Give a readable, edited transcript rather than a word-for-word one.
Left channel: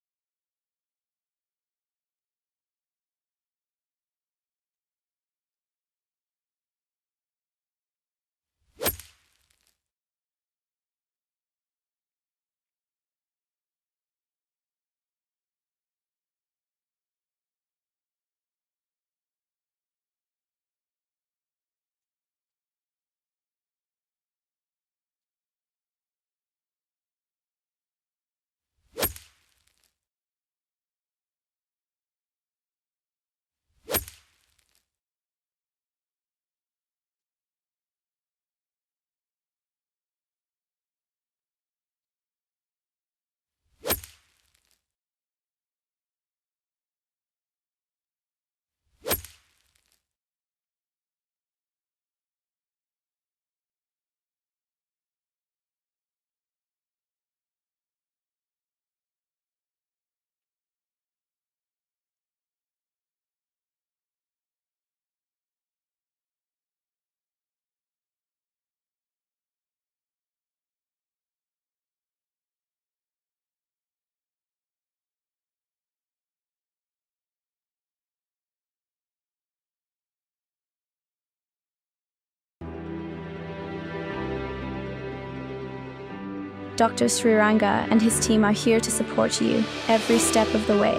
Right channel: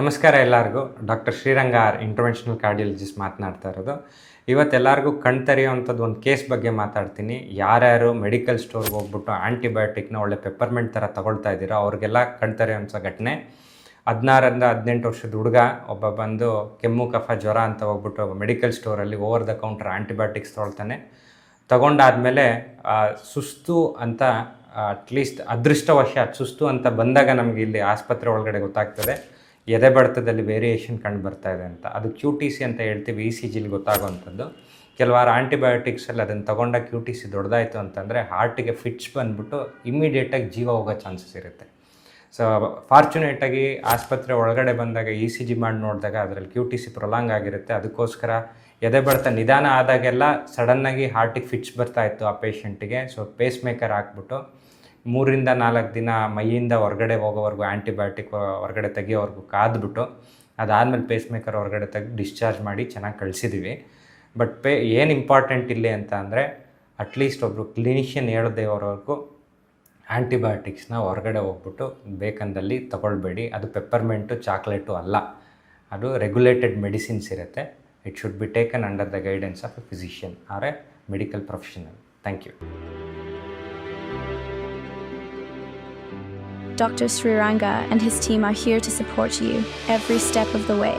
ನಮಸ್ಕಾರ ಎಲ್ಲರಿಗೂ. Doctor Sriranga interventional cardiologist ಮಾತನಾಡ್ತಾ ಇರೋದು. ಇವತ್ತೆಲ್ಲರಿಗೂ ಕಣ್ ತೆರೆಯುವಂಥದ್ದು ಒಂದು ಕೇಸ್ ಬಗ್ಗೆ ಮಾತಾಡ್ತೀನಿ. ಯಾರ್ಯಾರು ಮೆಡಿಕಲ್ ಸ್ಟೋರ್ಗೆ ಹೋಗ್ಬಿಟ್ಟು ಆ್ಯಂಟಿಬಯೋಟಿಕ್ನ ಒಳ್ಳೆ ಪೆಪ್ಪರ್ಮೆಂಟ್ ಥರ ತೊಗೊಳ್ತಾ ಇದ್ದೀರೋ ಅವ್ರಿಗೆಲ್ಲ ಕಣ್ ತೆರೆಯುವಂಥ ಘಟನೆ. 16ರಿಂದ 18 ವರ್ಷದ ಹುಡುಗ ಒಬ್ಬ ಬಂದು ಕೆಮ್ಮು ಕಫ ಜ್ವರ ಅಂತ ಹೋಗ್ಬಿಟ್ಟು ಮೆಡಿಕಲ್ ಸ್ಟೋರಲ್ಲಿ ಓವರ್ ದ ಕೌಂಟರ್ ಆ್ಯಂಟಿಬಯೋಟಿಕ್ಸ್ ತೊಗೊಳ್ತಾನೆ. ತಗೊಂಡಾದಮೇಲೆ ಸುಸ್ತು ಅಂತ ಅಟ್ಲೀಸ್ಟ್ ಅದೃಷ್ಟವಶಾತ್ ಸುಸ್ತು ಅಂತ ಬಂದಾಗ ನಮಗೆ ಇಲ್ಲಿ ಆಸ್ಪತ್ರೆ ಒಳಗಡೆ ಗೊತ್ತಾಗ್ತದೆ ಎದೆ ಬಡಿತದಲ್ಲಿ ವೇರಿಯೇಷನ್ ಕಂಡು ಬರ್ತಾ ಇದೆ ಅಂತ. ಅದು ಕ್ಯೂ ಟಿ ಸಿ ಅಂತ ಹೇಳ್ತೀವಿ, ಇ ಸಿ ಜಿಲಿ ಗೊತ್ತಾಗುವಂಥದ್ದು. ಕೆಲವಾರು ಆ್ಯಂಟಿಬಯೋಟಿಕ್ಸಲ್ಲಿ ಅದನ್ನು ತಗೊಂಡ ಕ್ಯೂ ಟಿ ಸಿ ದೊಡ್ಡದಾಯಿತು ಅಂತಂದರೆ ಹಾರ್ಟಿಗೆ ಫಿಟ್ಸ್ ಬಂದುಬಿಟ್ಟು ಇಮ್ಮಿಡಿಯೇಟಾಗಿ ಜೀವ ಹೋಗೋ ಚಾನ್ಸಸ್ ಇರುತ್ತೆ. ಸೊ ಫಾರ್ಚುನೇಟಾಗಿ ಆಸ್ಪತ್ರೆ ಒಳಗಡೆ ಬಂದಾಗ ಇ ಸಿ ಜಿ ಮಾಡಿ ನೋಡಿದಾಗ ಅದರಲ್ಲಿ ಕ್ಯೂ ಟಿ ಸಿ ಪ್ರೊಲಾಂಗ್ ಆಗಿರುತ್ತೆ. ಅದಕ್ಕೋಸ್ಕರ ಎದೆ ಬಡಿತ ನಿಧಾನ ಆದಾಗೆಲ್ಲ ಸಡನ್ನಾಗಿ ಹಾರ್ಟಿಗೆ ಫಿಟ್ಸ್ ಬರ್ತಾಯಿತ್ತು ಆ ಪೇಷಂಟಿಗೆ. ಸೊ ಪೇಸ್ ಮೇಕರ್ ಹಾಕ್ಬಿಟ್ಟು 3ರಿಂದ 4 ದಿನ ಮೈಯಿಂದ ಹೊರಗಡೆ ಹೋಗೋವರೆಗೂ ಆ್ಯಂಟಿಬಯೋಟಿಕ್ ಹೊರಗಡೆ ತೆಗಿಯೋವರೆಗೂ ಕಾದ್ಬಿಟ್ಟು ಅದಾದಮೇಲೆ ಪೇಸ್ ಮೇಕರ್ ಹೊರಗಡೆ ತೆಗೆದು ಡಿಸ್ಚಾರ್ಜ್ ಮಾಡಿ ಚೆನ್ನಾಗಿ ಕಳಿಸಿದ್ದೀವಿ. ಬಟ್ ಏನು ಇಂಪಾರ್ಟೆಂಟ್ ಇಲ್ಲಿ ಅಂತ ಅಂದರೆ ಅಟ್ಲೀಸ್ಟ್ ಒಬ್ಬರು ಕ್ಲಿನಿಷಿಯನ್ ಹೇಳದೇವರೆಗೂ ಆ್ಯಂಟಿಬಯೋಟಿಕ್ಸ್ನ ಹೊರಗಡೆ ಹೋಗ್ಬಿಟ್ಟು ಬೇಕಂದಲ್ಲಿ ತಗೊಳ್ಬೇಡಿ. ಅದು ಪೆಪ್ಪರ್ಮೆಂಟು ಚಾಕ್ಲೇಟು ಅಲ್ಲ, ಅದು ರೆಗ್ಯುಲೇಟೆಡ್ ಮೆಡಿಸಿನ್ಸ್ ಇರುತ್ತೆ. It should be taken under the guidance of a physician or a medical professional. Thank you. Dr. Sriranga and his team are here to support you every step of the way.